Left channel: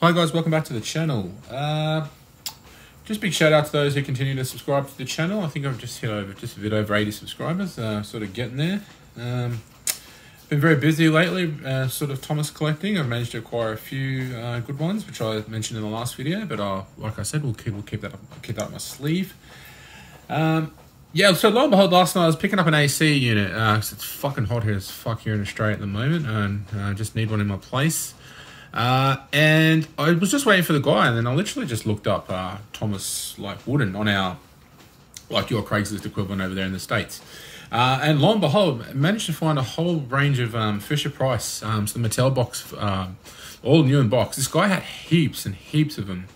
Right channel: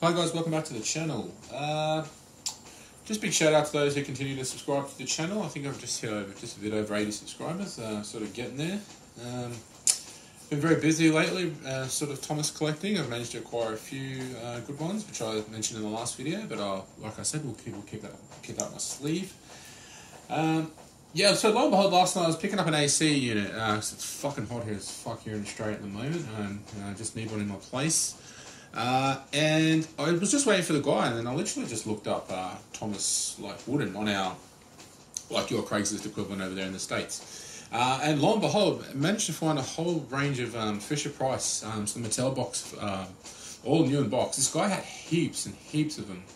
Hi guys, welcome back to the channel. Just big shout out to those who continue to subscribe to the channel. I think I've just hit over just a bit over 80 subscribers, sort of getting there. Been very busy lately, sort of Thomas collecting. I've managed to acquire a few good ones, which I mentioned in the last video, but like I said, we'll keep that up my sleeve. Yeah, so lo and behold, last night I was picking up an AC unit, because it's fucking hot here as fuck here in Australia at the moment, and I just need one in my place. And I was just waiting for the guy, and then I literally just looked up Thomas Wooden on our, your Craigslist equivalent over there in the States. And lo and behold, I managed to find a whole range of Fisher Price, some Mattel box, all new in box. This guy had heaps and heaps of them.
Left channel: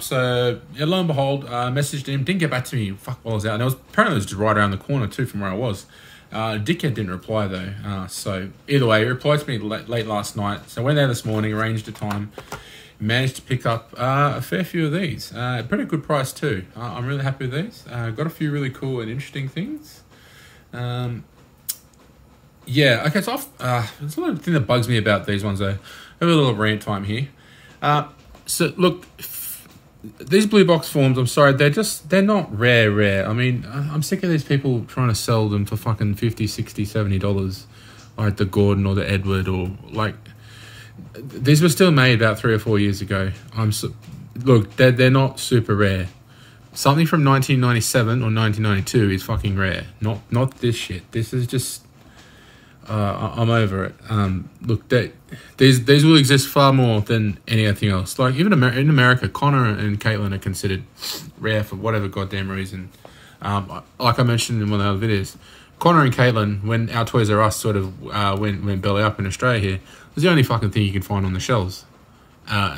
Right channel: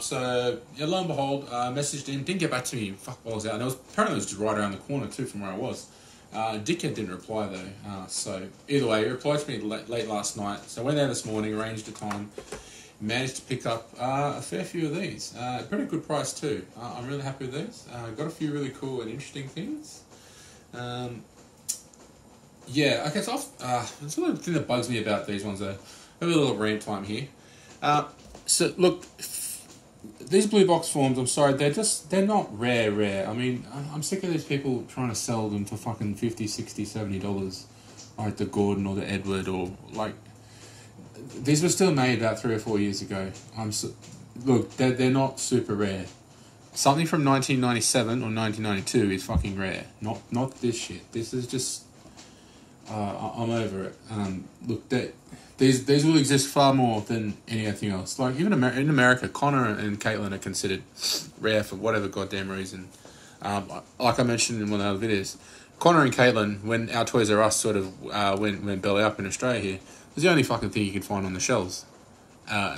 So yeah, lo and behold, messaged him, didn't get back to me, fuck while I was out. And apparently it was just right around the corner too from where I was. Dickhead didn't reply though, so either way, he replied to me late last night. So I went there this morning, arranged a time, managed to pick up a fair few of these. Pretty good price too. I'm really happy with these. Got a few really cool and interesting things. Yeah, okay, so there's a little thing that bugs me about these ones though. I have a little rant time here. So look, these blue box forms, I'm sorry, they're not rare. I mean, I'm sick of these people trying to sell them for fucking $50, $60, $70, like the Gordon or the Edward, or these were still made about 3 or 4 years ago. Look, they're not super rare. Something from 1997 or 1992 is fucking rare. Not this shit. This is just, I'm over it. Look, these will exist far more than anything else. Like even in America, Connor and Caitlin are considered rare for whatever goddamn reason. Like I mentioned in one of the other videos, Connor and Caitlin, when our Toys R Us sort of went belly up in Australia here, was the only fucking thing you could find on the shelves.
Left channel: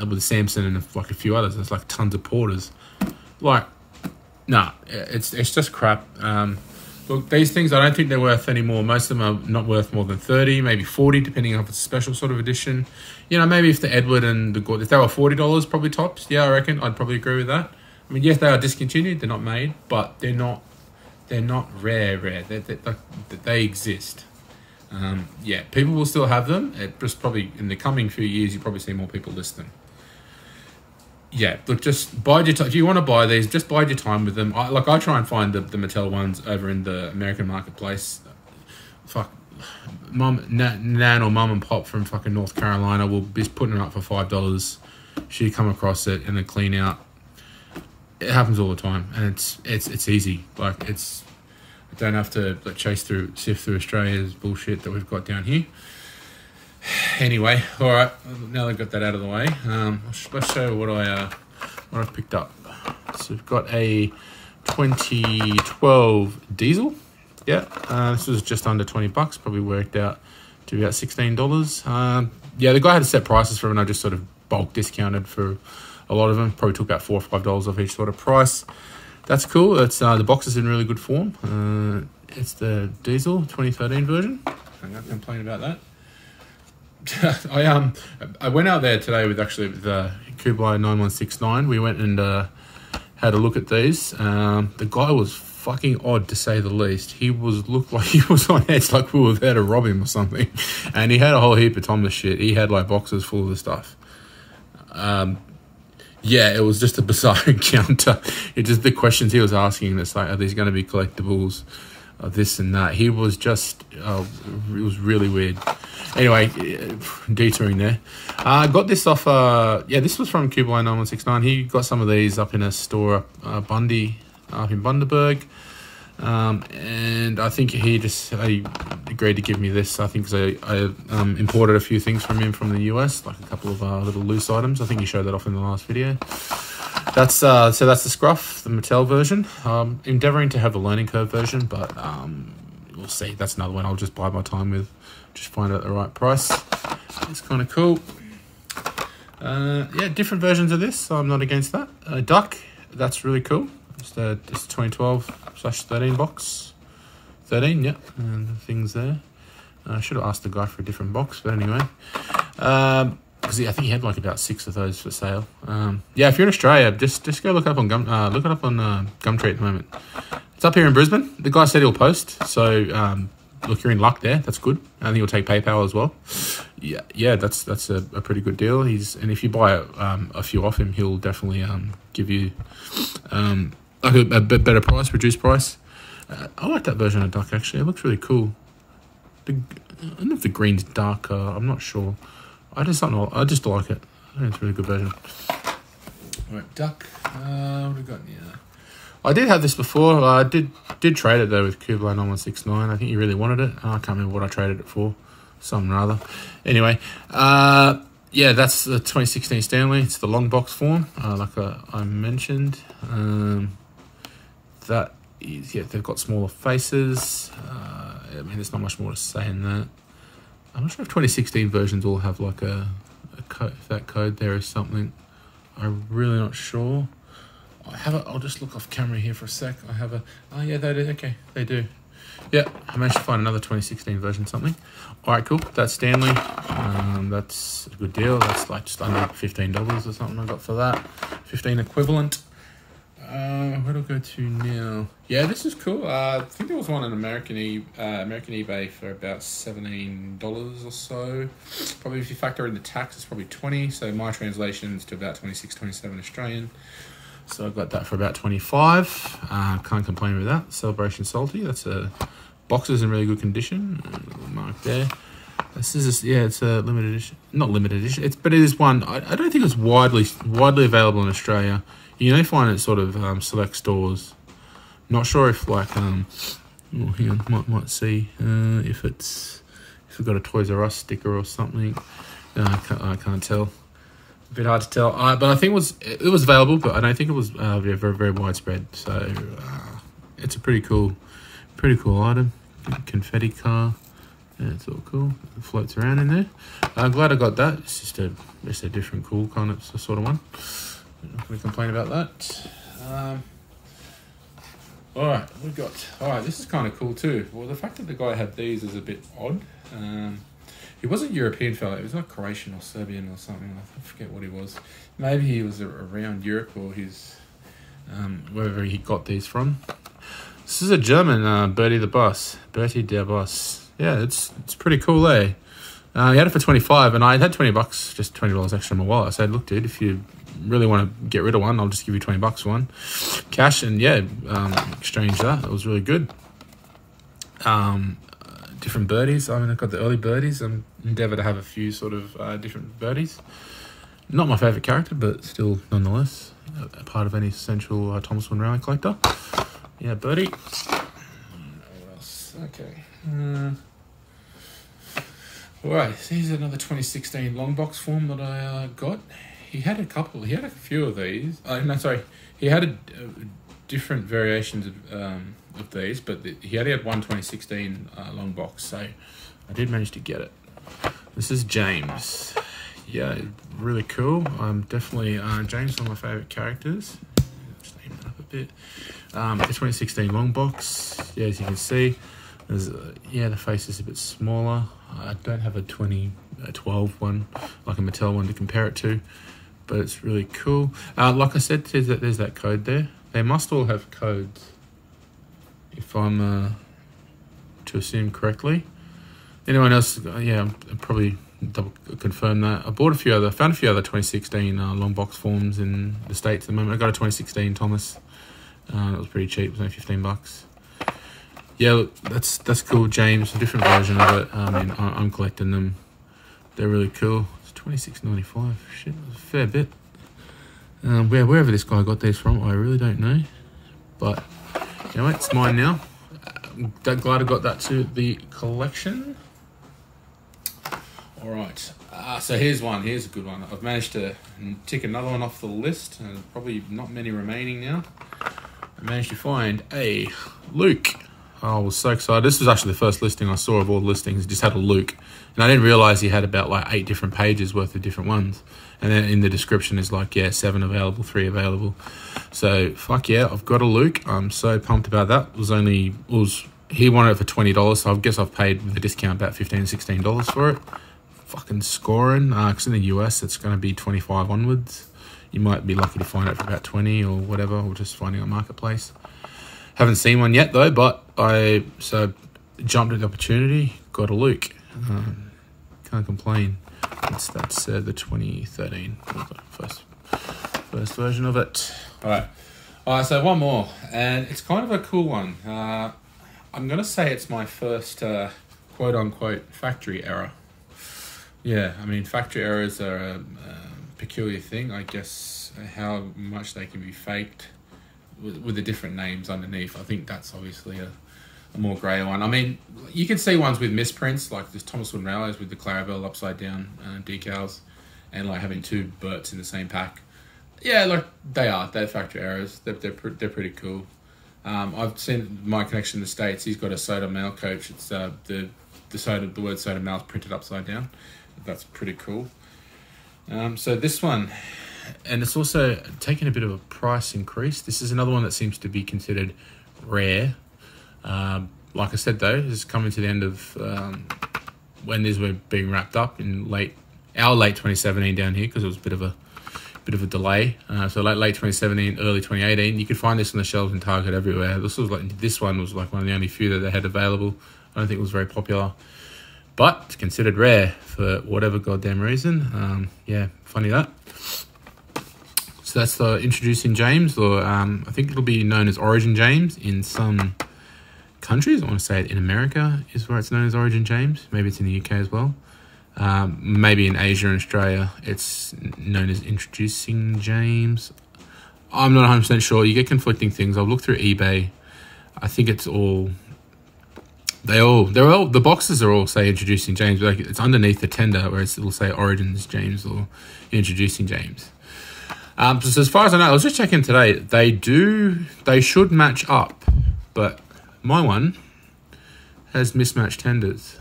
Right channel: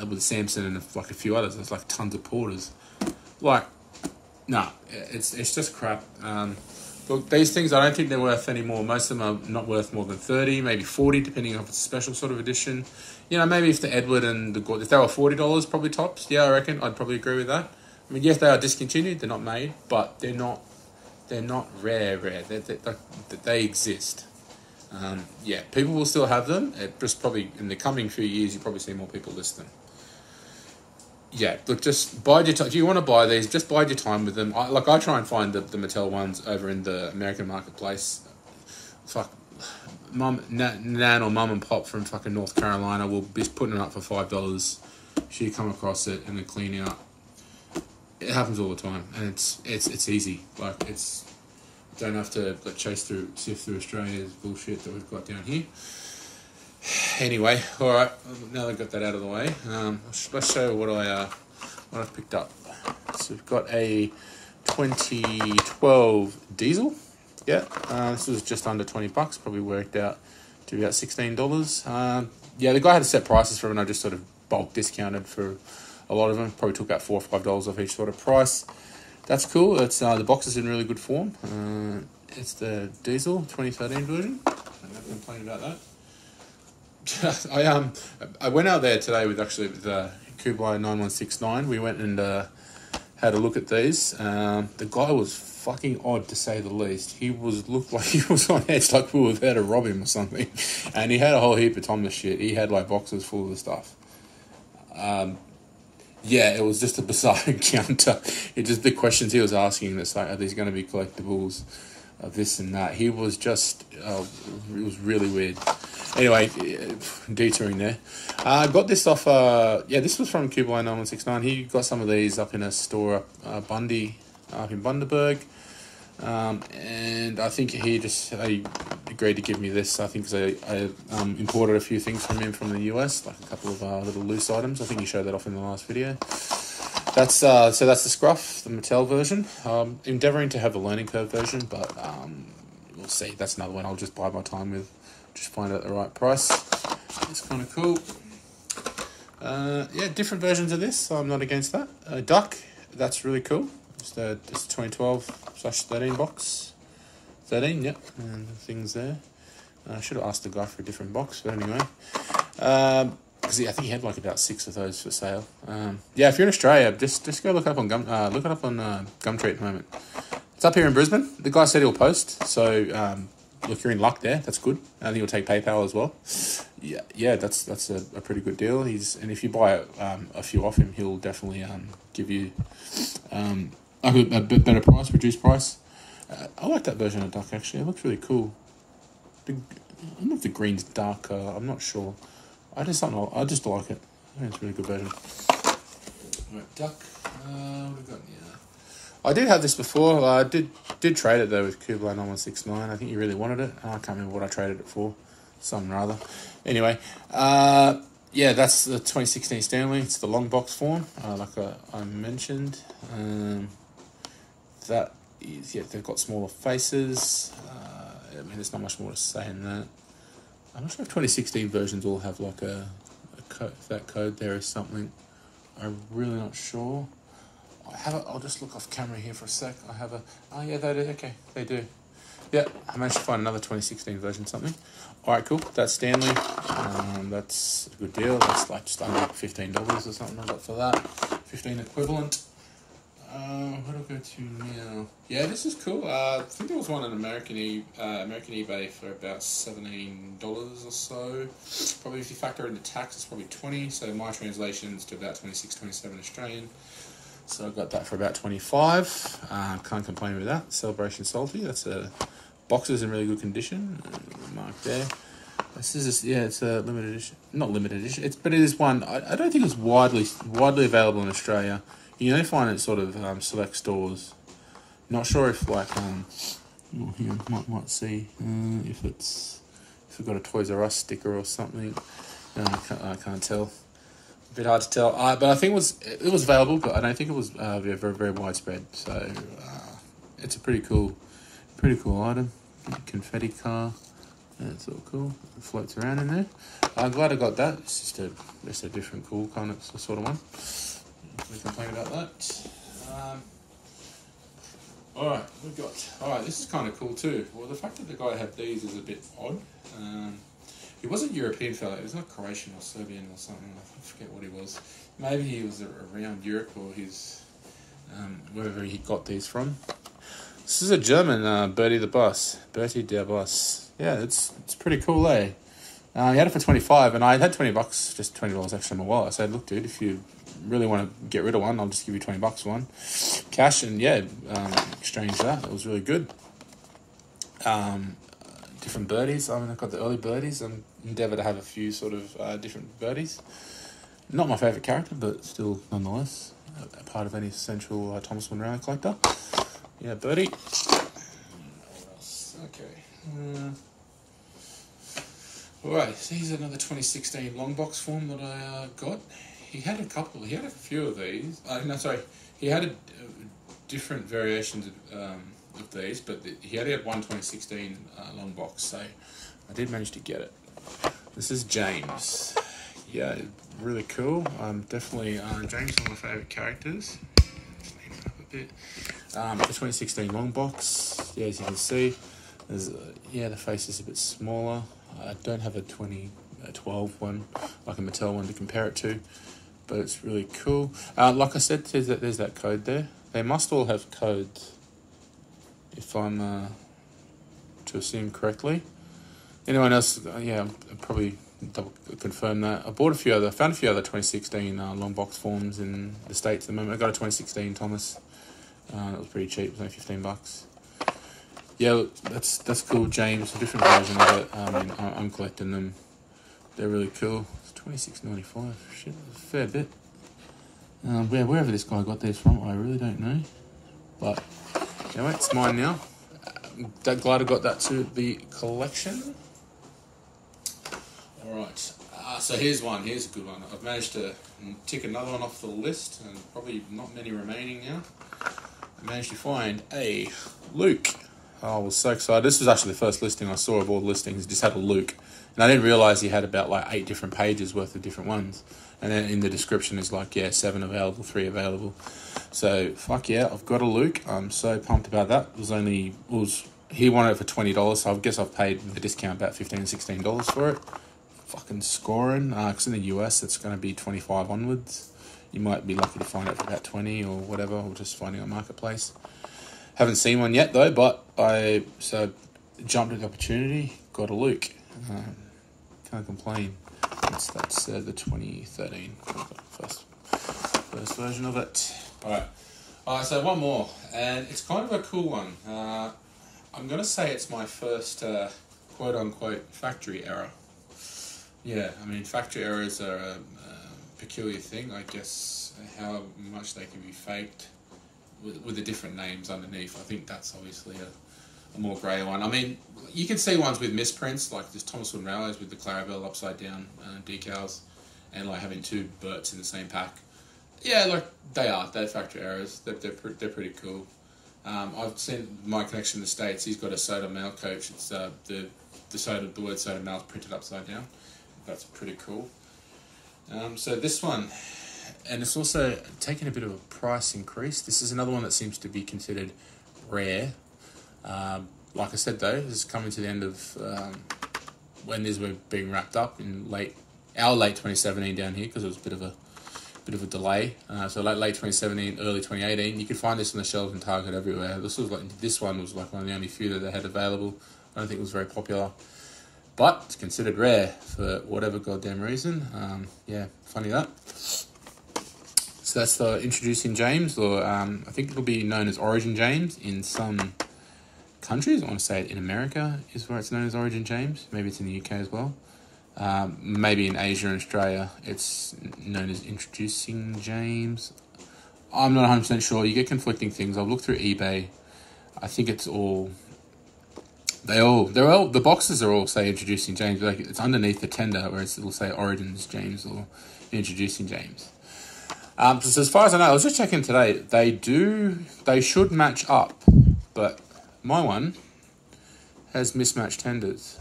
With Samson and a few others, there's like tons of porters. Nah, it's just crap. Look, these things, I don't think they're worth any more. Most of them are not worth more than 30, maybe 40, depending on if it's a special sort of edition. You know, maybe if the Edward and the Gordon, if they were $40 probably tops, yeah, I reckon I'd probably agree with that. I mean, yes, they are discontinued, they're not made, but they're not rare. They exist. Yeah, people will still have them. It just probably, in the coming few years, you'll probably see more people list them. Yeah, look, just bide your time. If you want to buy these, just bide your time with them. I try and find the Mattel ones over in the American marketplace. Fuck, Nan or Mum and Pop from fucking North Carolina will be putting it up for $5. She come across it in a clean out. It happens all the time, and it's easy. I don't have to sift through Australia's bullshit that we've got down here. Anyway, all right. Now that I've got that out of the way, let's show you what I've picked up. So we've got a 2012 diesel. Yeah, this was just under 20 bucks. Probably worked out to about $16. Yeah, the guy had set prices for it, and I just sort of bulk discounted for a lot of them. Probably took about $4 or $5 off each sort of price. That's cool. It's the box is in really good form. It's the diesel 2013 version. I'm not complaining about that. I went out there today with Kublai 9169. We went and had a look at these. The guy was fucking odd, to say the least. He looked like he was on edge, like we were there to rob him or something. And he had a whole heap of Thomas shit. He had boxes full of the stuff. Yeah, it was just a bizarre encounter. The questions he was asking, it's like, are these going to be collectibles? This and that. He was just, it was really weird. Anyway, detouring there. Got this off, yeah, this was from Kublai 9169. He got some of these up in a store, Bundy, up in Bundaberg. And I think he agreed to give me this, I think, because I imported a few things from him from the US, like a couple of little loose items. I think he showed that off in the last video. That's so that's the Scruff, the Mattel version. Endeavouring to have the learning curve version, but we'll see. That's another one I'll just bide my time with. Just find it at the right price. It's kind of cool. Yeah, different versions of this, so I'm not against that. Duck, that's really cool. It's 2012/13 box. 13, yep, and the things there. I should have asked the guy for a different box, but anyway. Because I think he had about 6 of those for sale. Yeah, if you're in Australia, just go look up on Gumtree at the moment. It's up here in Brisbane. The guy said he'll post, so look, you're in luck there. That's good. I think he'll take PayPal as well. Yeah, that's a pretty good deal. And if you buy a few off him, he'll definitely give you like a bit better price, reduced price. I like that version of Duck actually. It looks really cool. I don't know if the green's darker. I'm not sure. I just like it. I think it's a really good version. Right, Duck. What we got here? I did have this before. I did trade it though with Kublai 9169. I think you really wanted it. I can't remember what I traded it for. Something rather. Anyway, yeah, that's the 2016 Stanley. It's the long box form, like I mentioned. That is, yeah, they've got smaller faces. I mean, there's not much more to say in that. I'm not sure if 2016 versions all have like a code, if that code there is something. I'm really not sure. I'll just look off camera here for a sec. Oh yeah, they do. Okay, they do. Yeah, I managed to find another 2016 version something. All right, cool. That's Stanley. That's a good deal. That's like just under $15 or something I got for that. 15 equivalent. Where do I go to now? Yeah, this is cool. I think there was one on American eBay for about $17 or so. Probably if you factor in the tax, it's probably 20. So my translation is to about 26, 27 Australian. So I got that for about 25. Can't complain with that. Celebration Salty. That's a boxes in really good condition. Mark there. This is just, yeah, it's a limited edition. Not limited edition. But it is one. I don't think it's widely available in Australia. You only find it sort of select stores. Not sure if like well, hang on, might see if we've got a Toys R Us sticker or something. I can't tell. A bit hard to tell. But I think it was available, but I don't think it was very very widespread. So it's a pretty cool item. Confetti car. Yeah, it's all cool. It floats around in there. I'm glad I got that. It's just a different cool kind of sort of one. We complain about that. All right, this is kind of cool too. Well, the fact that the guy had these is a bit odd. He wasn't a European fella. He was like Croatian or Serbian or something. I forget what he was. Maybe he was around Europe or wherever he got these from. This is a German Birdie the Boss. Birdie der Boss. Yeah, it's pretty cool, eh? He had it for 25, and I had $20, just $20 extra in my wallet. I said, look, dude, if you really want to get rid of one, I'll just give you $20 for one. Cash, and yeah, exchange that. It was really good. Different birdies. I mean, I've got the early birdies. I'm endeavour to have a few sort of different birdies. Not my favourite character, but still, nonetheless, a part of any essential Thomas Wynn Rally collector. Yeah, Birdie. What else? Okay. Alright, here's another 2016 long box form that I got. He had a few of these. No, sorry. He had different variations of these, but he only had one 2016 long box, so I did manage to get it. This is James. Yeah, really cool. Definitely James is one of my favourite characters. Just name it up a bit. The 2016 long box. Yeah, as you can see, the face is a bit smaller. I don't have a 2012 one, like a Mattel one to compare it to, but it's really cool. Like I said, there's that code there. They must all have codes, if I'm to assume correctly. Anyone else? Yeah, I'll probably double confirm that. I found a few other 2016 long box forms in the States at the moment. I got a 2016 Thomas. It was pretty cheap. It was only $15. Yeah, look, that's cool, James. A different version of it. I mean, I'm collecting them. They're really cool. It's $26.95. Shit, a fair bit. Wherever this guy got these from, I really don't know. But anyway, it's mine now. Glad I got that to the collection. All right. So here's one. Here's a good one. I've managed to tick another one off the list, and probably not many remaining now. I managed to find a Luke. Oh, I was so excited. This was actually the first listing I saw of all the listings. It just had a Luke. And I didn't realise he had about like 8 different pages worth of different ones. And then in the description is like, yeah, 7 available, 3 available. So, fuck yeah, I've got a Luke. I'm so pumped about that. He wanted it for $20, so I guess I've paid with a discount about $15, $16 for it. Fucking scoring. Because in the US, it's going to be 25 onwards. You might be lucky to find it for about 20 or whatever, or just finding a marketplace. Haven't seen one yet though, but jumped at the opportunity, got a Luke. Can't complain. That's the 2013 first version of it. All right, so one more, and it's kind of a cool one. I'm going to say it's my first quote-unquote factory error. Yeah, I mean, factory errors are a peculiar thing, I guess, how much they can be faked with the different names underneath. I think that's obviously a more grey one. I mean, you can see ones with misprints, like this Thomas Wood Rallies with the Clarabelle upside down decals, and like having two Burts in the same pack. Yeah, like they're factory errors. They're pretty cool. I've seen my connection in the States. He's got a Soda Mail coach. It's the word Soda Mail is printed upside down. That's pretty cool. So this one, and it's also taken a bit of a price increase. This is another one that seems to be considered rare. Like I said though, this is coming to the end of when these were being wrapped up in late 2017 down here, because it was a bit of a delay. So late 2017, early 2018, you could find this on the shelves in Target everywhere. This one was like one of the only few that they had available. I don't think it was very popular, but it's considered rare for whatever goddamn reason. Yeah, funny that. So that's the Introducing James, or I think it'll be known as Origin James in some countries. I want to say it in America is where it's known as Origin James. Maybe it's in the UK as well. Maybe in Asia and Australia it's known as Introducing James. I'm not 100% sure. You get conflicting things. I've looked through eBay. I think it's all... the boxes are all say Introducing James, but like it's underneath the tender where it'll say Origins James or Introducing James. So as far as I know, I was just checking today, they should match up, but my one has mismatched tenders.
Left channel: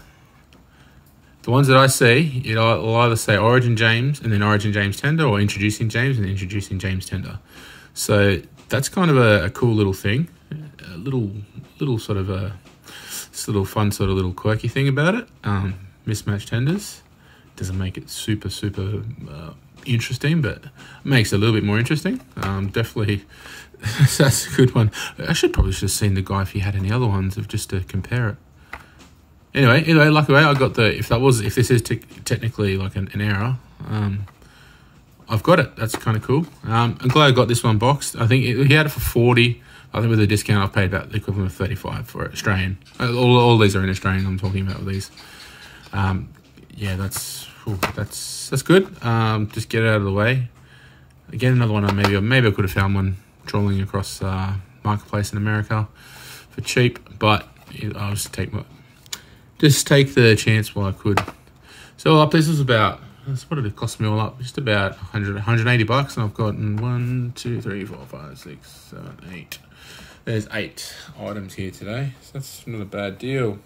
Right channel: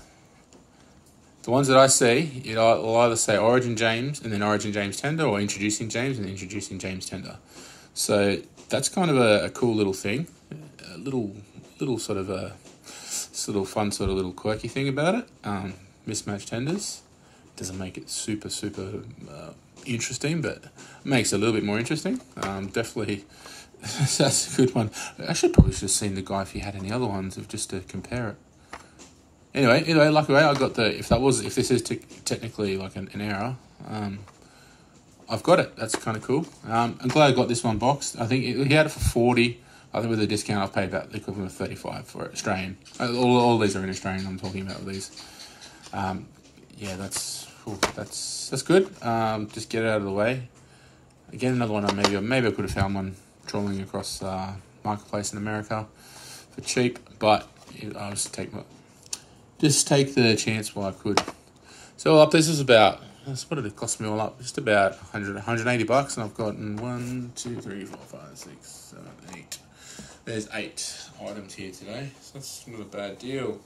The ones that I see, it'll either say Origin James and then Origin James tender, or Introducing James and Introducing James tender. So that's kind of a cool little thing, a little sort of a fun sort of little quirky thing about it. Mismatched tenders doesn't make it super interesting, but makes it a little bit more interesting. Definitely, that's a good one. I should probably have seen the guy if he had any other ones just to compare it. Anyway, luckily I got if this is technically like an error, I've got it. That's kind of cool. I'm glad I got this one boxed. I think he had it for 40. I think with a discount I've paid about the equivalent of 35 for it, Australian. All these are in Australian. I'm talking about these. Yeah, that's good. Just get it out of the way. Again, another one. Maybe I could have found one trawling across marketplace in America for cheap, but I'll just take the chance while I could. So this was about, what did it cost me all up? Just about 180 bucks, and I've gotten 1, 2, 3, 4, 5, 6, 7, 8. There's 8 items here today, so that's not a bad deal.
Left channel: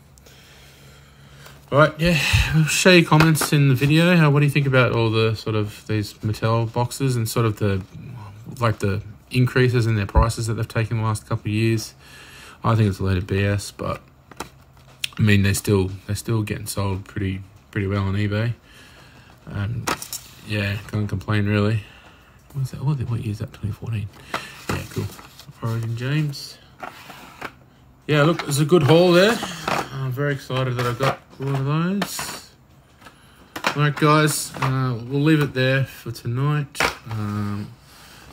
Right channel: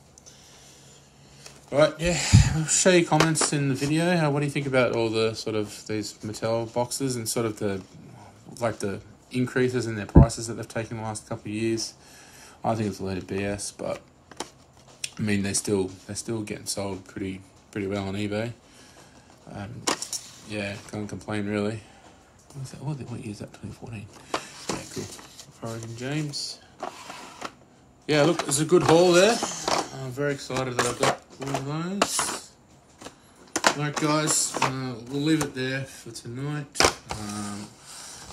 All right, yeah, I'll show you comments in the video. What do you think about all the sort of these Mattel boxes and sort of the increases in their prices that they've taken the last couple of years? I think it's a load of BS, but I mean they're still getting sold pretty well on eBay. Yeah, can't complain really. What's that? What year is that? 2014. Yeah, cool. Origin James. Yeah, look, there's a good haul there. I'm very excited that I got one of those. Alright guys, we'll leave it there for tonight.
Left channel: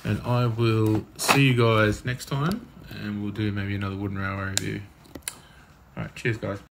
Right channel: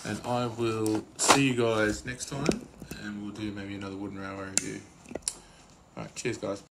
And I will see you guys next time, and we'll do maybe another wooden railway review. Alright, cheers guys.